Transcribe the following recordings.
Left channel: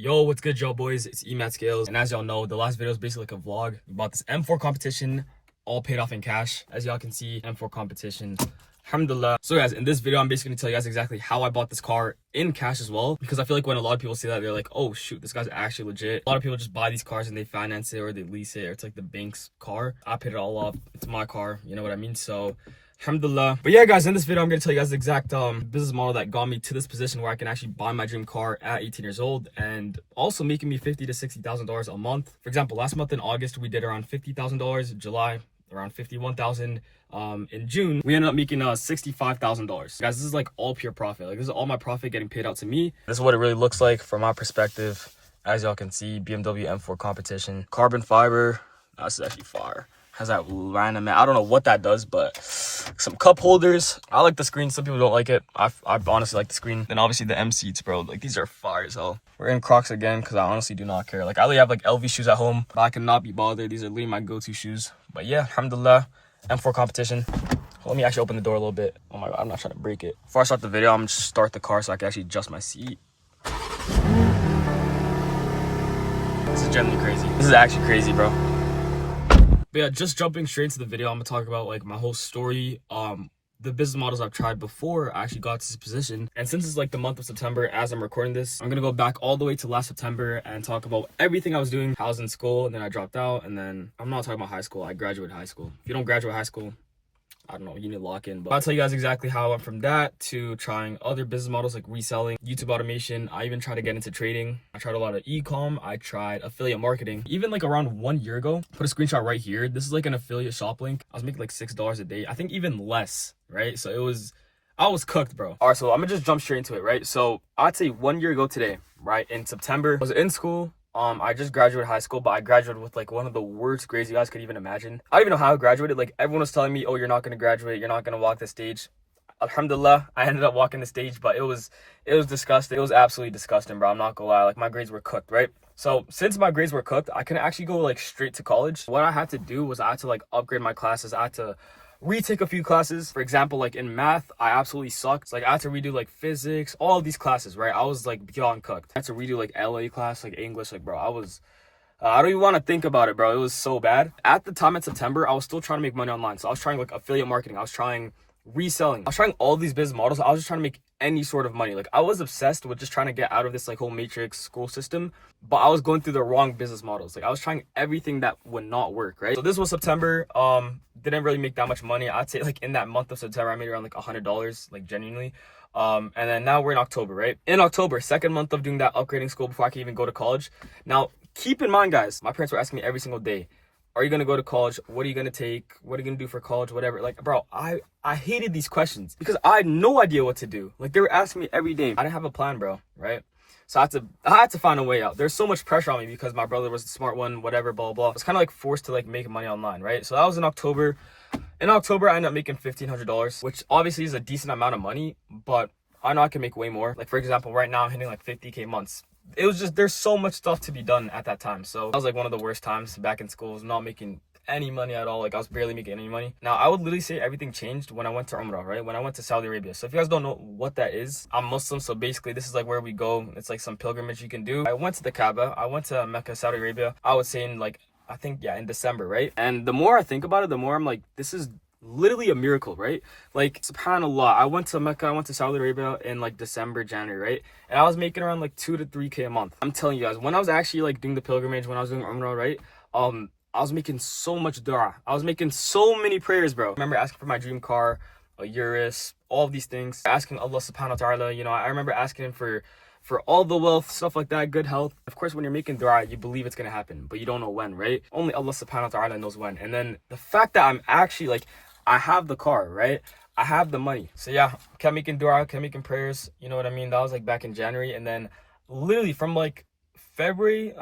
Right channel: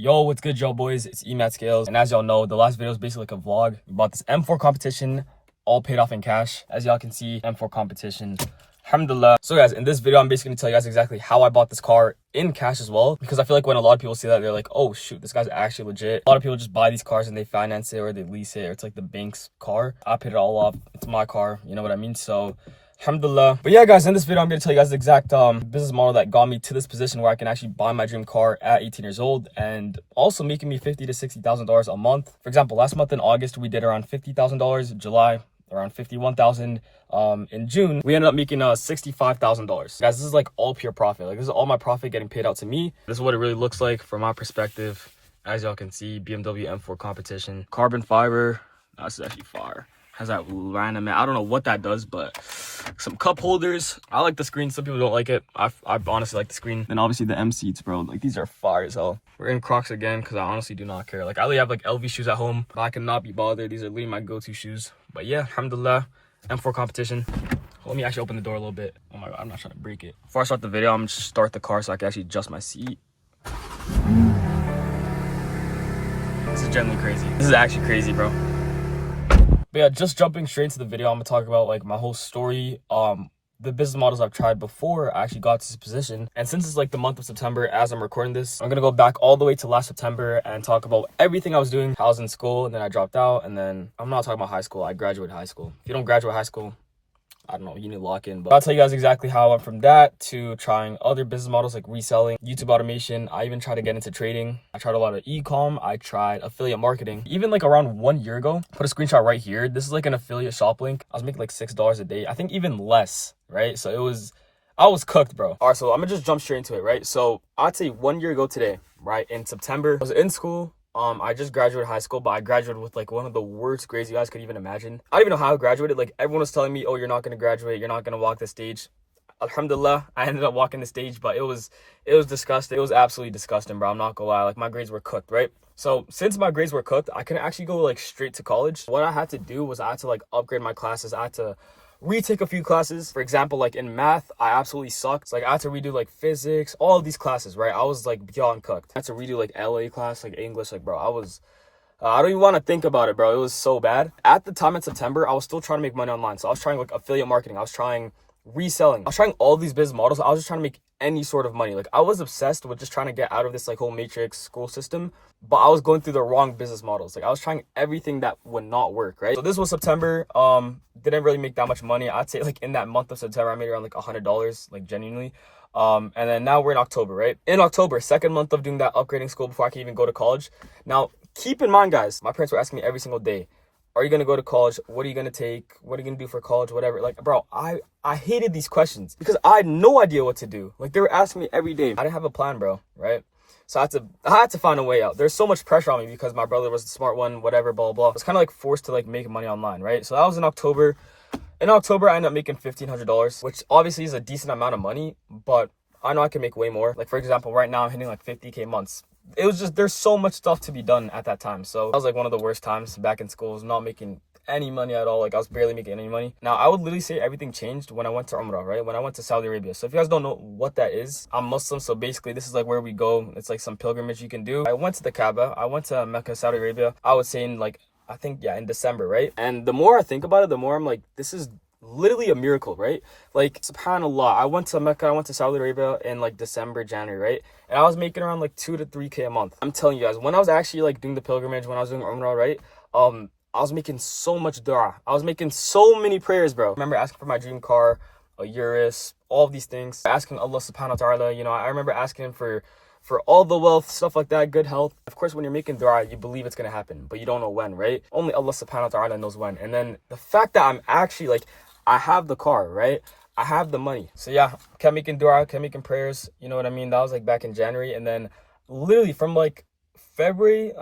Yo, what's good, y'all boys? It's Emat Scales, and as y'all know, the last video is basically like a vlog. We bought this M4 competition, all paid off in cash. As y'all can see, M4 competition, alhamdulillah. So guys, in this video, I'm basically gonna tell you guys exactly how I bought this car in cash as well, because I feel like when a lot of people see that, they're like, oh shoot, this guy's actually legit. A lot of people just buy these cars and they finance it or they lease it, or it's like the bank's car. I paid it all off. It's my car, you know what I mean? So alhamdulillah. But yeah, guys, in this video, I'm going to tell you guys the exact business model that got me to this position where I can actually buy my dream car at 18 years old and also making me $50,000 to $60,000 a month. For example, last month in August, we did around $50,000. July, around $51,000. In June, we ended up making $65,000. Guys, this is like all pure profit. Like, this is all my profit getting paid out to me. This is what it really looks like from my perspective. As y'all can see, BMW M4 competition, carbon fiber. This is actually fire. Has that random, I don't know what that does, but some cup holders. I like the screen. Some people don't like it. I honestly like the screen. And obviously the M seats, bro. Like, these are fire as hell. We're in Crocs again because I honestly do not care. Like, I really have like LV shoes at home, but I cannot be bothered. These are literally my go-to shoes. But yeah, alhamdulillah, M4 competition. Let me actually open the door a little bit. Oh my god, I'm not trying to break it. Before I start the video, I'm gonna just start the car so I can actually adjust my seat. This is genuinely crazy. This is actually crazy, bro. But yeah, just jumping straight into the video, I'm gonna talk about like my whole story, the business models I've tried before I actually got to this position. And since it's like the month of September as I'm recording this, I'm gonna go back all the way to last September and talk about everything I was doing. I was in school and then I dropped out, and then I'm not talking about high school. I graduated high school. If you don't graduate high school, I don't know, you need to lock in. But I'll tell you guys exactly how I went from that to trying other business models like reselling, YouTube automation. I even tried to get into trading. I tried a lot of e-com. I tried affiliate marketing. Even like around 1 year ago, put a screenshot right here. This is like an affiliate shop link. I was making like $6 a day. I think even less, right? So I was cooked, bro. All right, so I'm gonna just jump straight into it, right? So I'd say 1 year ago today, right? In September, I was in school. I just graduated high school, but I graduated with like one of the worst grades you guys could even imagine. I don't even know how I graduated. Like, everyone was telling me, oh, you're not going to graduate. You're not going to walk the stage. Alhamdulillah, I ended up walking the stage, but it was disgusting. It was absolutely disgusting, bro. I'm not gonna lie. Like, my grades were cooked, right? So since my grades were cooked, I couldn't actually go like straight to college. What I had to do was I had to like upgrade my classes. I had to retake a few classes. For example, like in math, I absolutely sucked. So, like, I had to redo like physics, all of these classes, right? I was like beyond cooked. I had to redo like LA class, like English. Like, bro, I don't even want to think about it, bro. It was so bad. At the time in September, I was still trying to make money online. So I was trying like affiliate marketing. I was trying reselling. I was trying all these business models. I was just trying to make any sort of money. Like, I was obsessed with just trying to get out of this like whole matrix school system, but I was going through the wrong business models. Like, I was trying everything that would not work, right? So this was September. Didn't really make that much money. I'd say like in that month of September, I made around like $100, like genuinely. And then now we're in October, right? In October, second month of doing that upgrading school before I can even go to college. Now, keep in mind, guys, my parents were asking me every single day, are you going to go to college? What are you going to take? What are you going to do for college? Whatever. Like, bro, I hated these questions because I had no idea what to do. Like, they were asking me every day. I didn't have a plan, bro, right? So I had to find a way out. There's so much pressure on me because my brother was the smart one, whatever, blah, blah. I was kind of like forced to like make money online, right? So that was in October. In October, I ended up making $1,500, which obviously is a decent amount of money, but I know I can make way more. Like, for example, right now I'm hitting like 50K months. It was just, there's so much stuff to be done at that time. So that was like one of the worst times back in school. I was not making any money at all. Like, I was barely making any money. Now, I would literally say everything changed when I went to Umrah, right? When I went to Saudi Arabia. So if you guys don't know what that is, I'm Muslim. So basically, this is like where we go. It's like some pilgrimage you can do. I went to the Kaaba. I went to Mecca, Saudi Arabia. I would say in like, I think, yeah, in December, right? And the more I think about it, the more I'm like, this is literally a miracle, right? Like, subhanallah, I went to Mecca, I went to Saudi Arabia in like December, January, right? And I was making around like 2 to 3K a month. I'm telling you guys, when I was actually like doing the pilgrimage, when I was doing Umrah, right? I was making so much dua. I was making so many prayers, bro. I remember asking for my dream car, a Urus, all of these things, asking Allah subhanahu wa ta'ala, you know, I remember asking him for all the wealth, stuff like that, good health. Of course, when you're making dua, you believe it's going to happen, but you don't know when, right? Only Allah subhanahu wa ta'ala knows when. And then the fact that I'm actually like, I have the car, right? I have the money. So yeah, kept making dua, kept making prayers. You know what I mean? That was like back in January. And then literally from like February,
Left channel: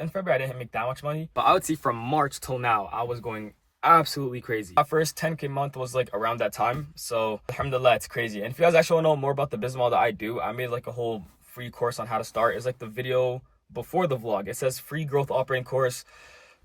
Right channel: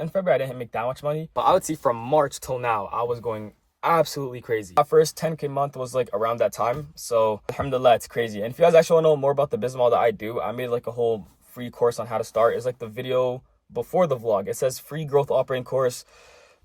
in February, I didn't make that much money. But I would say from March till now, I was going absolutely crazy. My first 10K month was like around that time. So alhamdulillah, it's crazy. And if you guys actually want to know more about the business model that I do, I made like a whole free course on how to start. It's like the video before the vlog. It says free growth operating course.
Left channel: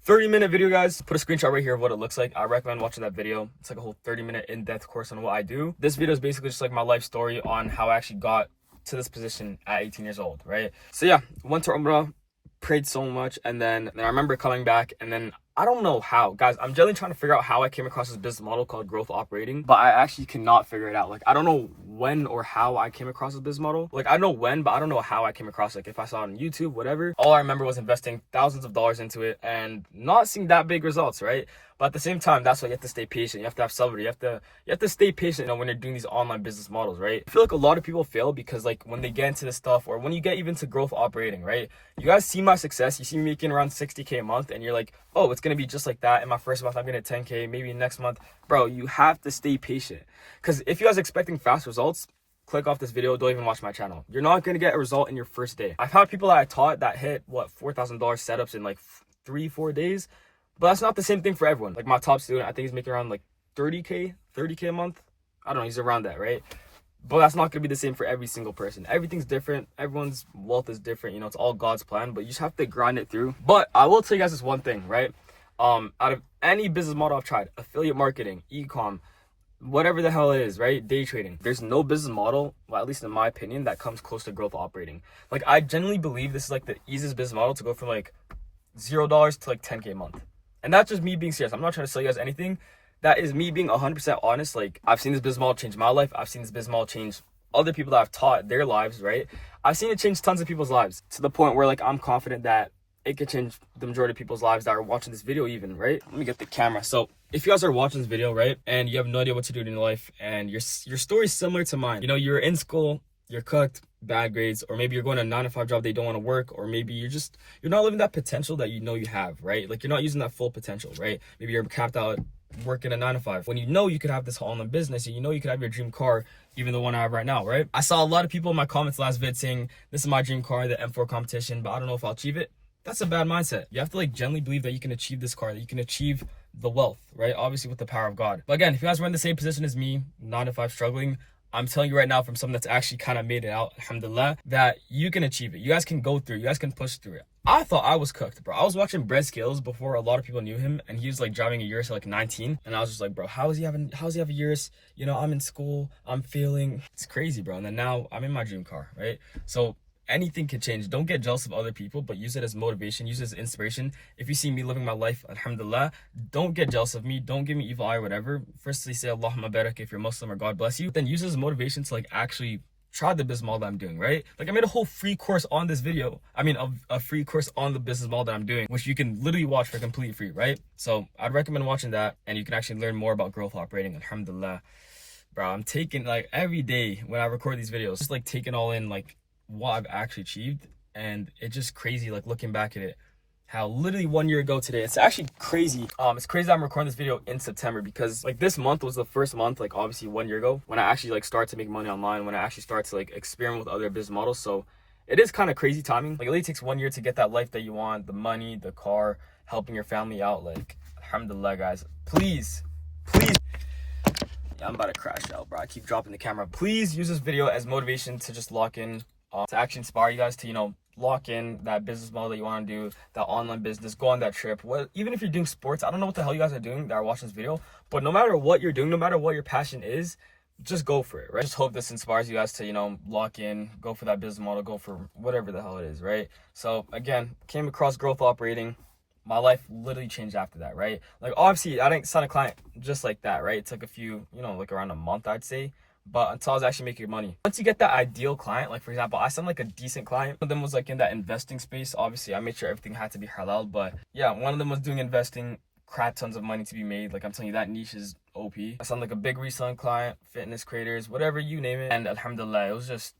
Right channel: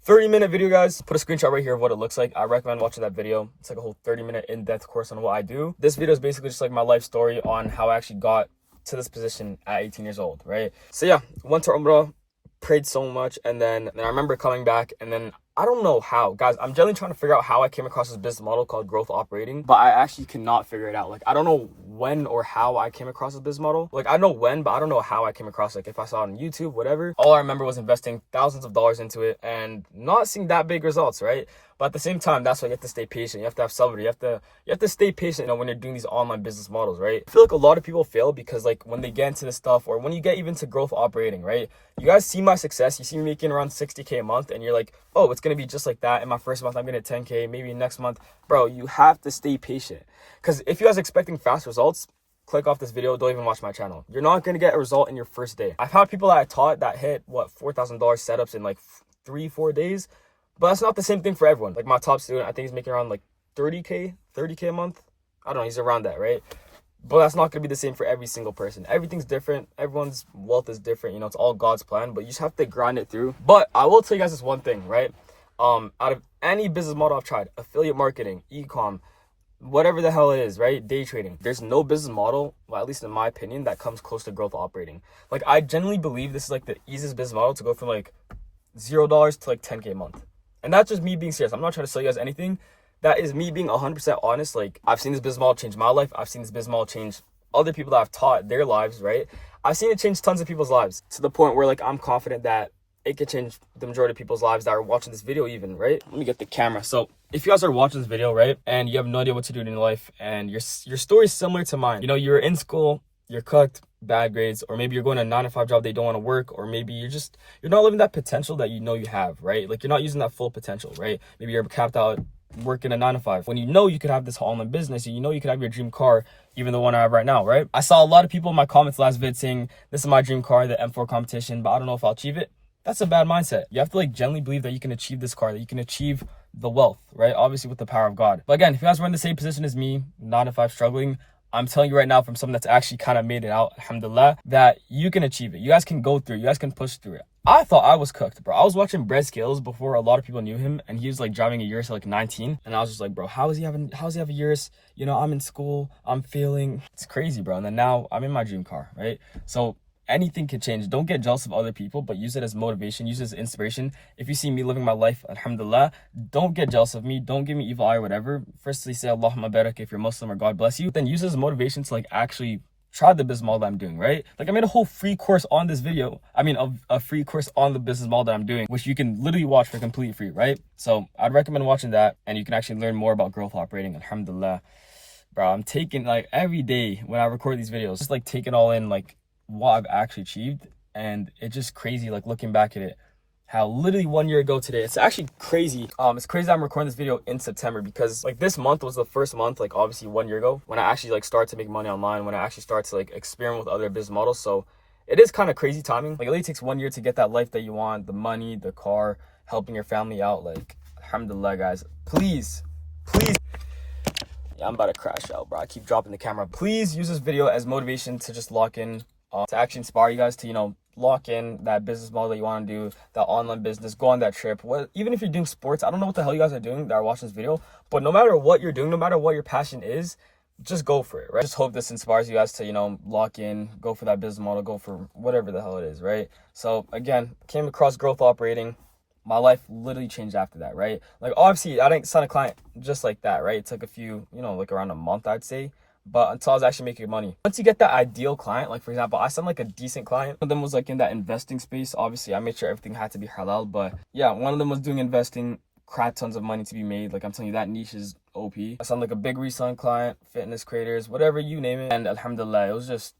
30-minute video, guys. Put a screenshot right here of what it looks like. I recommend watching that video. It's like a whole 30-minute in-depth course on what I do. This video is basically just like my life story on how I actually got to this position at 18 years old, right? So yeah, went to Umrah, prayed so much, and then I remember coming back, and then I don't know how, guys. I'm generally trying to figure out how I came across this business model called growth operating, but I actually cannot figure it out. Like, I don't know when or how I came across this business model. Like, I know when, but I don't know how I came across it. Like, if I saw it on YouTube, whatever. All I remember was investing thousands of dollars into it and not seeing that big results, right? But at the same time, that's why you have to stay patient. You have to have sabr. You have to stay patient, when you're doing these online business models, right? I feel like a lot of people fail because, like, when they get into this stuff, or when you get even to growth operating, right? You guys see my success. You see me making around 60K a month, and you're like, oh, it's gonna be just like that. In my first month, I'm gonna 10K. Maybe next month, bro. You have to stay patient, because if you guys are expecting fast results, click off this video. Don't even watch my channel. You're not gonna get a result in your first day. I've had people that I taught that hit $4,000 setups in like 3-4 days. But that's not the same thing for everyone. Like, my top student, I think he's making around like 30K a month. I don't know, he's around that, right? But that's not going to be the same for every single person. Everything's different. Everyone's wealth is different. It's all God's plan, but you just have to grind it through. But I will tell you guys this one thing, right? Out of any business model I've tried, affiliate marketing, e-com, whatever the hell it is, right? Day trading. There's no business model, well, at least in my opinion, that comes close to growth operating. Like, I genuinely believe this is like the easiest business model to go from like $0 to like 10K a month. And that's just me being serious. I'm not trying to sell you guys anything. That is me being 100% honest. Like, I've seen this business model change my life. I've seen this business model change other people that I've taught their lives, right? I've seen it change tons of people's lives, to the point where, like, I'm confident that it could change the majority of people's lives that are watching this video even, right? Let me get the camera. So if you guys are watching this video, right, and you have no idea what to do in your life, and your story is similar to mine. You're in school, you're cooked, bad grades, or maybe you're going to a 9-to-5 job that you don't want to work, or maybe you're not living that potential that you have, right? Like, you're not using that full potential, right? Maybe you're capped out working a 9-to-5 when you could have this online business, and you could have your dream car, even the one I have right now, right? I saw a lot of people in my comments last vid saying, this is my dream car, the M4 competition, but I don't know if I'll achieve it. That's a bad mindset. You have to, like, genuinely believe that you can achieve this car, that you can achieve the wealth, right? Obviously with the power of God. But again, if you guys were in the same position as me, 9-to-5 struggling, I'm telling you right now, from someone that's actually kind of made it out, alhamdulillah, that you can achieve it. You guys can go through. You guys can push through it. I thought I was cooked, bro. I was watching Brett Scales before a lot of people knew him, and he was like driving a Urus at like 19, and I was just like, bro, how does he have a Urus? I'm in school, I'm failing. It's crazy, bro. And then now I'm in my dream car, right? So anything can change. Don't get jealous of other people, but use it as motivation, use it as inspiration. If you see me living my life, alhamdulillah, don't get jealous of me. Don't give me evil eye or whatever. Firstly, say Allahumma barak if you're Muslim, or God bless you. Then use it as motivation to, like, actually try the business model that I'm doing, right? Like, I made a whole free course on this video. A free course on the business model that I'm doing, which you can literally watch for completely free, right? So I'd recommend watching that, and you can actually learn more about growth operating, alhamdulillah. Bro, I'm taking, like, every day when I record these videos, just like taking all in, like, what I've actually achieved, and it's just crazy, like, looking back at it, how literally 1 year ago today, it's actually crazy. It's crazy that I'm recording this video in September, because, like, this month was the first month, like, obviously 1 year ago, when I actually, like, started to make money online, when I actually started to, like, experiment with other business models. So it is kind of crazy timing. Like, it only takes 1 year to get that life that you want, the money, the car, helping your family out. Like, alhamdulillah, guys, please. Yeah, I'm about to crash out, bro. I keep dropping the camera. Please use this video as motivation to just lock in, to actually inspire you guys to, lock in that business model that you want to do, that online business, go on that trip. Even if you're doing sports, I don't know what the hell you guys are doing that are watching this video, but no matter what you're doing, no matter what your passion is, just go for it, right? Just hope this inspires you guys to, lock in, go for that business model, go for whatever the hell it is, right? So again, came across growth operating. My life literally changed after that, right? Like, obviously, I didn't sign a client just like that, right? It took a few, like around a month, I'd say. But until I was actually making money. Once you get that ideal client, like, for example, I signed like a decent client. One of them was like in that investing space. Obviously, I made sure everything had to be halal. But yeah, one of them was doing investing, crap tons of money to be made. Like, I'm telling you, that niche is OP. I signed like a big reselling client, fitness creators, whatever you name it. And alhamdulillah, it was just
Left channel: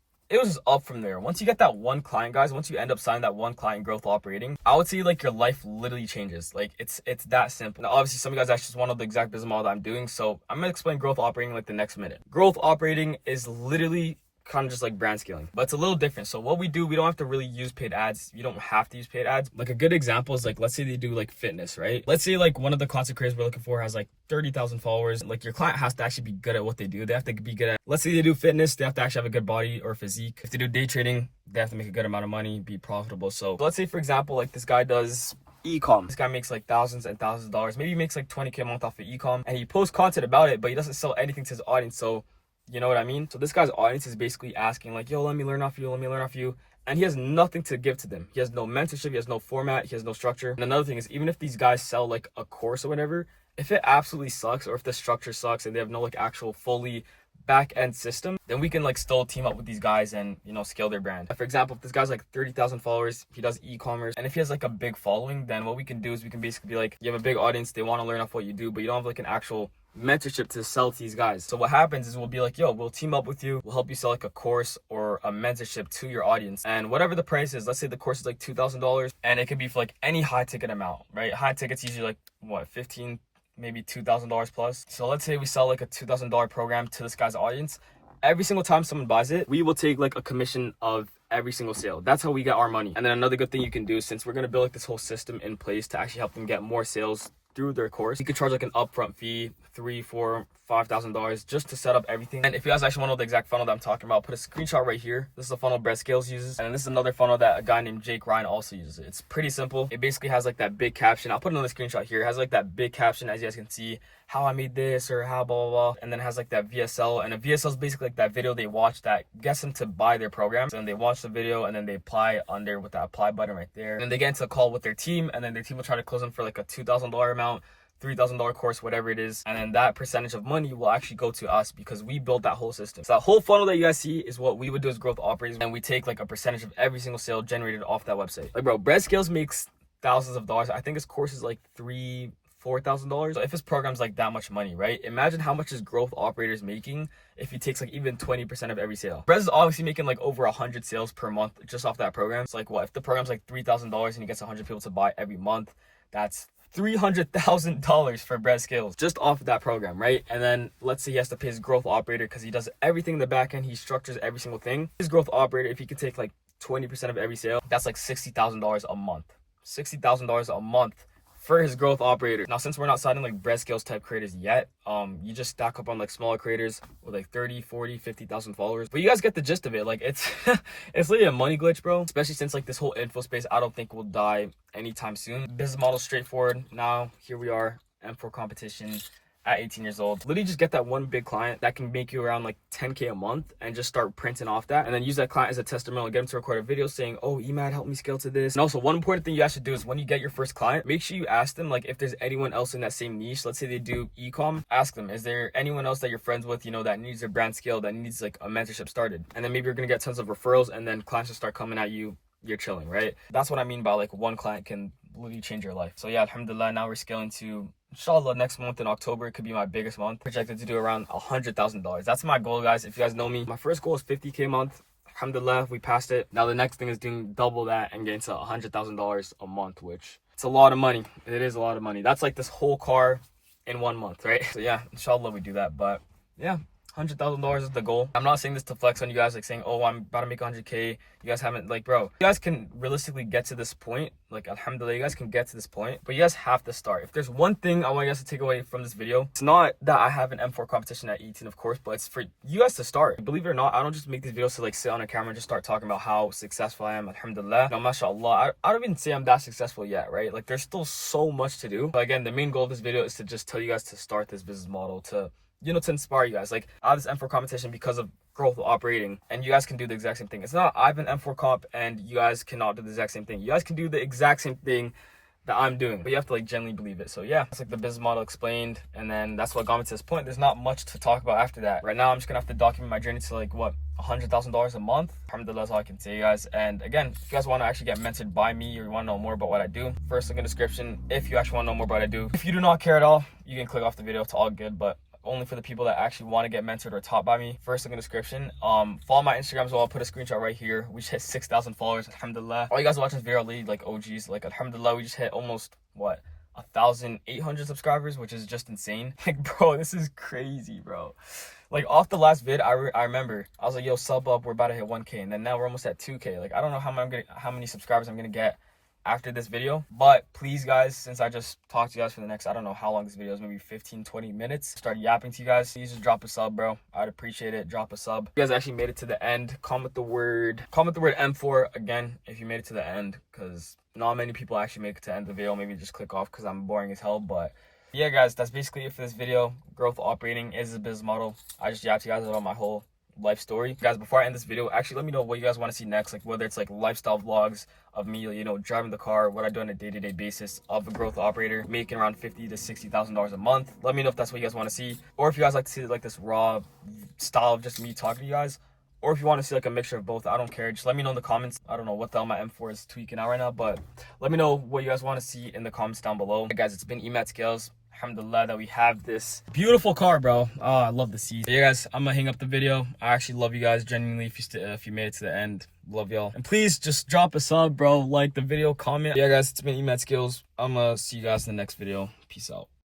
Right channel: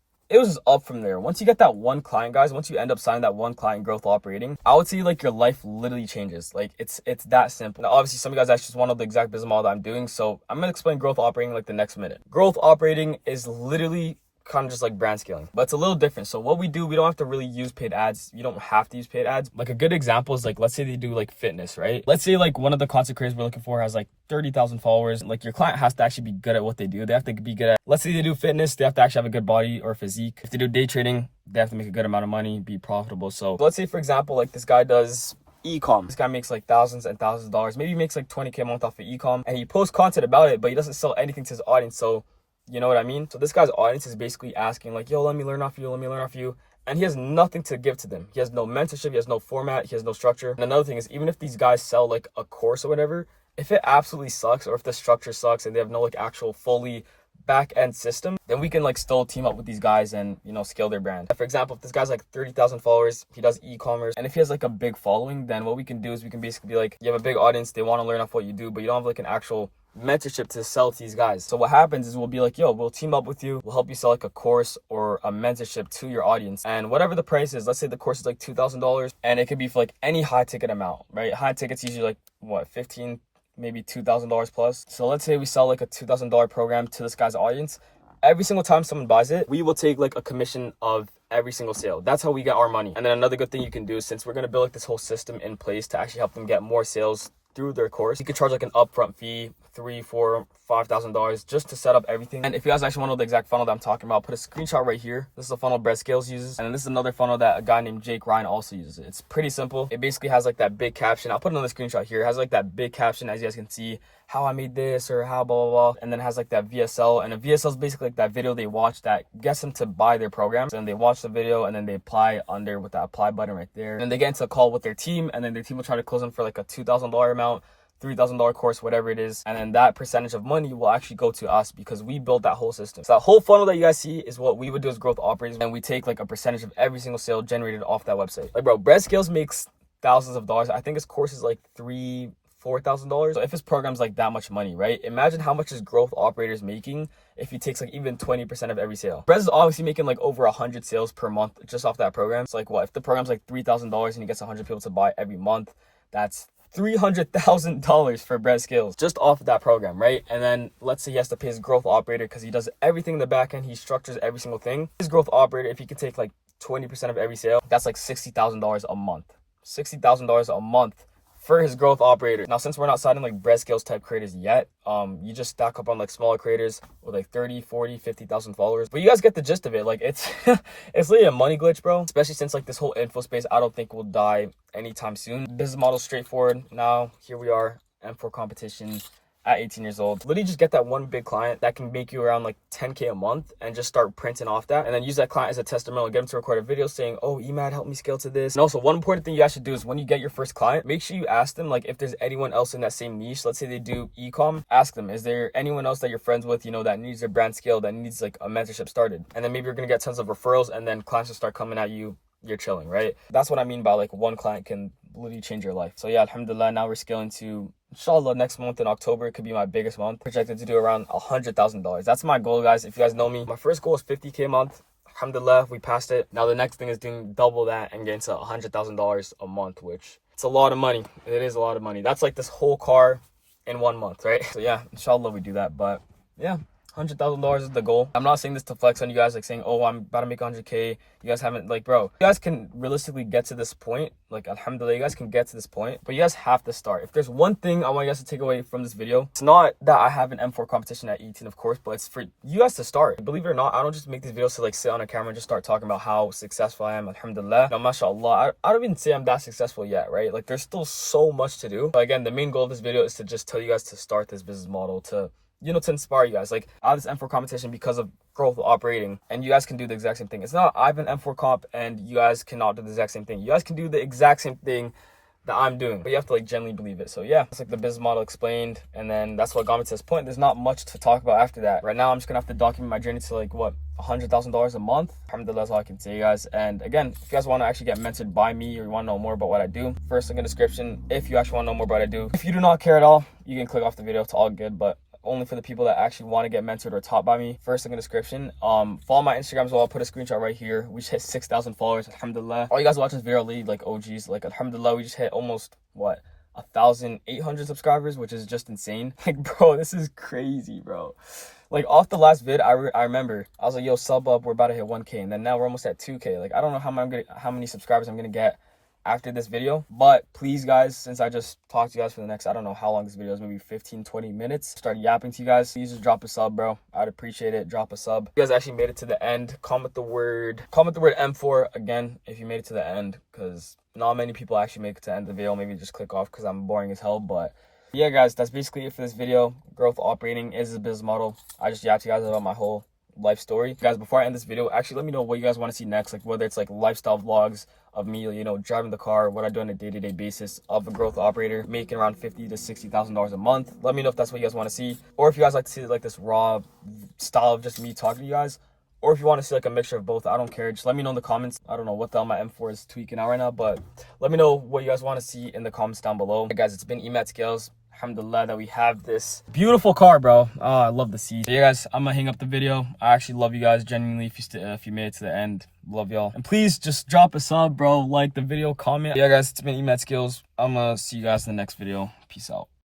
up from there. Once you get that one client, guys, once you end up signing that one client, growth operating, I would say, like, your life literally changes. Like, it's that simple. Now, obviously, some of you guys actually just want to know the exact business model that I'm doing, so I'm gonna explain growth operating like the next minute. Growth operating is literally kind of just like brand scaling, but it's a little different. So what we do, we don't have to really use paid ads. You don't have to use paid ads. Like, a good example is, like, let's say they do like fitness, right? Let's say like one of the content creators we're looking for has like 30,000 followers. Like, your client has to actually be good at what they do. They have to be good at, let's say they do fitness, they have to actually have a good body or physique. If they do day trading, they have to make a good amount of money, be profitable. So let's say, for example, like, this guy does e-com. This guy makes like thousands and thousands of dollars. Maybe he makes like 20K a month off of e-com, and he posts content about it, but he doesn't sell anything to his audience. So You know what I mean? So this guy's audience is basically asking like, yo, let me learn off you, let me learn off you. And he has nothing to give to them. He has no mentorship, he has no format, he has no structure. And another thing is, even if these guys sell like a course or whatever, if it absolutely sucks, or if the structure sucks and they have no like actual fully back end system, then we can like still team up with these guys and, you know, scale their brand. For example, if this guy's like 30,000 followers, he does e-commerce, and if he has like a big following, then what we can do is we can basically be like, you have a big audience, they want to learn off what you do, but you don't have like an actual mentorship to sell to these guys. So what happens is we'll be like, yo, we'll team up with you, we'll help you sell like a course or a mentorship to your audience, and whatever the price is, let's say the course is like $2,000, and it could be for like any high ticket amount, right? High tickets usually like what, 15, maybe $2,000 plus. So let's say we sell like a $2,000 program to this guy's audience. Every single time someone buys it, we will take like a commission of every single sale. That's how we get our money. And then another good thing you can do, since we're going to build like this whole system in place to actually help them get more sales through their course, you could charge like an upfront fee, $3,000, $4,000, $5,000 just to set up everything. And if you guys actually want to know the exact funnel that I'm talking about, I'll put a screenshot right here. This is a funnel Bread Scales uses, and then this is another funnel that a guy named Jake Ryan also uses. It's pretty simple. It basically has like that big caption. I'll put another screenshot here. It has like that big caption, as you guys can see, how I made this or how blah blah blah, and then it has like that VSL, and a VSL is basically like that video they watch that gets them to buy their programs, and they watch the video and then they apply under with that apply button right there, and then they get into a call with their team, and then their team will try to close them for like a $2,000 amount, $3,000 course, whatever it is, and then that percentage of money will actually go to us because we built that whole system. So that whole funnel that you guys see is what we would do as growth operators, and we take like a percentage of every single sale generated off that website. Like, bro, Bread Scales makes thousands of dollars. I think his course is like $4,000. So if his program's like that much money, right? Imagine how much his growth operators making if he takes like even 20% of every sale. Brez is obviously making like over 100 sales per month just off that program. It's like, what if the program's like $3,000 and he gets 100 people to buy every month? That's $300,000 for Bread Scales just off of that program, right? And then let's say he has to pay his growth operator because he does everything in the back end. He structures every single thing. His growth operator, if he could take like 20% of every sale, that's like $60,000 a month. $60,000 a month for his growth operator. Now, since we're not signing like Bread Scales type creators yet, you just stack up on like smaller creators with like 30, 40, 50,000 followers. But you guys get the gist of it. Like, it's it's really a money glitch, bro. Especially since like this whole info space, I don't think will die anytime soon. Business model straightforward. Now, here we are, M4 competition at 18 years old. Literally just get that one big client that can make you around like 10K a month and just start printing off that, and then use that client as a testimonial, get them to record a video saying, oh, Emad helped me scale to this. And also, one important thing you guys should do is when you get your first client, make sure you ask them like if there's anyone else in that same niche. Let's say they do e-com, ask them, is there anyone else that you're friends with, you know, that needs their brand scale, that needs like a mentorship started? And then maybe you're gonna get tons of referrals, and then clients will start coming at you. You're chilling, right? That's what I mean by like one client can literally change your life. So yeah, alhamdulillah, now we're scaling to, inshallah, next month in October, it could be my biggest month. Projected to do around $100,000. That's my goal, guys. If you guys know me, my first goal is 50K a month. Alhamdulillah, we passed it. Now the next thing is doing double that and getting to $100,000 a month, which it's a lot of money. It is a lot of money. That's like this whole car in 1 month, right? So yeah, inshallah we do that. But yeah, $100,000 is the goal. I'm not saying this to flex on you guys, like saying, oh, I'm about to make 100K. You guys haven't, like, bro, you guys can realistically get to this point. Like, alhamdulillah, you guys can get to this point, but you guys have to start. If there's one thing I want you guys to take away from this video, it's not that I have an M4 competition at 18, of course, but it's for you guys to start. Believe it or not, I don't just make these videos to like sit on a camera and just start talking about how successful I am. Alhamdulillah. Now, mashallah, I don't even say I'm that successful yet, right? Like, there's still so much to do. But again, the main goal of this video is to just tell you guys to start this business model, to, you know, to inspire you guys. Like, I have this M4 competition because of growth operating, and you guys can do the exact same thing. It's not I have an M4 comp and you guys cannot do the exact same thing. You guys can do the exact same thing that I'm doing, but you have to like genuinely believe it. So yeah, it's like the business model explained, and then that's what got me to this point. There's not much to talk about after that. Right now, I'm just gonna have to document my journey to like what, $100,000 a month. Alhamdulillah, that's all I can say, guys. And again, if you guys want to actually get mentored by me, or you want to know more about what I do, first link in the description. If you actually want to know more about what I do, if you do not care at all, you can click off the video. It's all good, but only for the people that actually want to get mentored or taught by me. First link in the description. Follow my Instagram as well. I'll put a screenshot right here. We just hit 6,000 followers, alhamdulillah. All you guys watching this video are really like OGs. Like, alhamdulillah, we just hit almost what, 1,800 subscribers, which is just insane. Like, bro, this is crazy, bro. Like, off the last vid, I remember I was like, yo, sub up, we're about to hit 1K, and then now we're almost at 2K. Like, I don't know how many subscribers I'm gonna get after this video, but please, guys, since I just talked to you guys for the next, I don't know how long this video is, maybe 15-20 minutes, start yapping to you guys, please just drop a sub, bro. I'd appreciate it. Drop a sub. If you guys actually made it to the end, comment the word M4 again if you made it to the end, because not many people actually make it to the end of the video. Maybe just click off because I'm boring as hell. But Yeah, guys, that's basically it for this video. Growth operating is a business model. I just yapped you guys about my whole life story. Guys, before I end this video, actually let me know what you guys want to see next, like whether it's like lifestyle vlogs of me, you know, driving the car, what I do on a day-to-day basis of a growth operator, making around $50,000 to $60,000 a month. Let me know if that's what you guys want to see, or if you guys like to see like this raw style of just me talking to you guys, or if you want to see like a mixture of both. I don't care, just let me know in the comments. I don't know what the hell my M4 is tweaking out right now, but let me know what you guys want to see in the comments down below. Hey guys, it's been Emat Scales. Alhamdulillah that we have this beautiful car, bro. I love the seat. But yeah, guys, I'm gonna hang up the video. I actually love you guys genuinely. If you made it to the end, love y'all. And please just drop a sub, bro. Like the video, comment. Yeah, guys, it's been Emat Skills. I'm gonna see you guys in the next video. Peace out.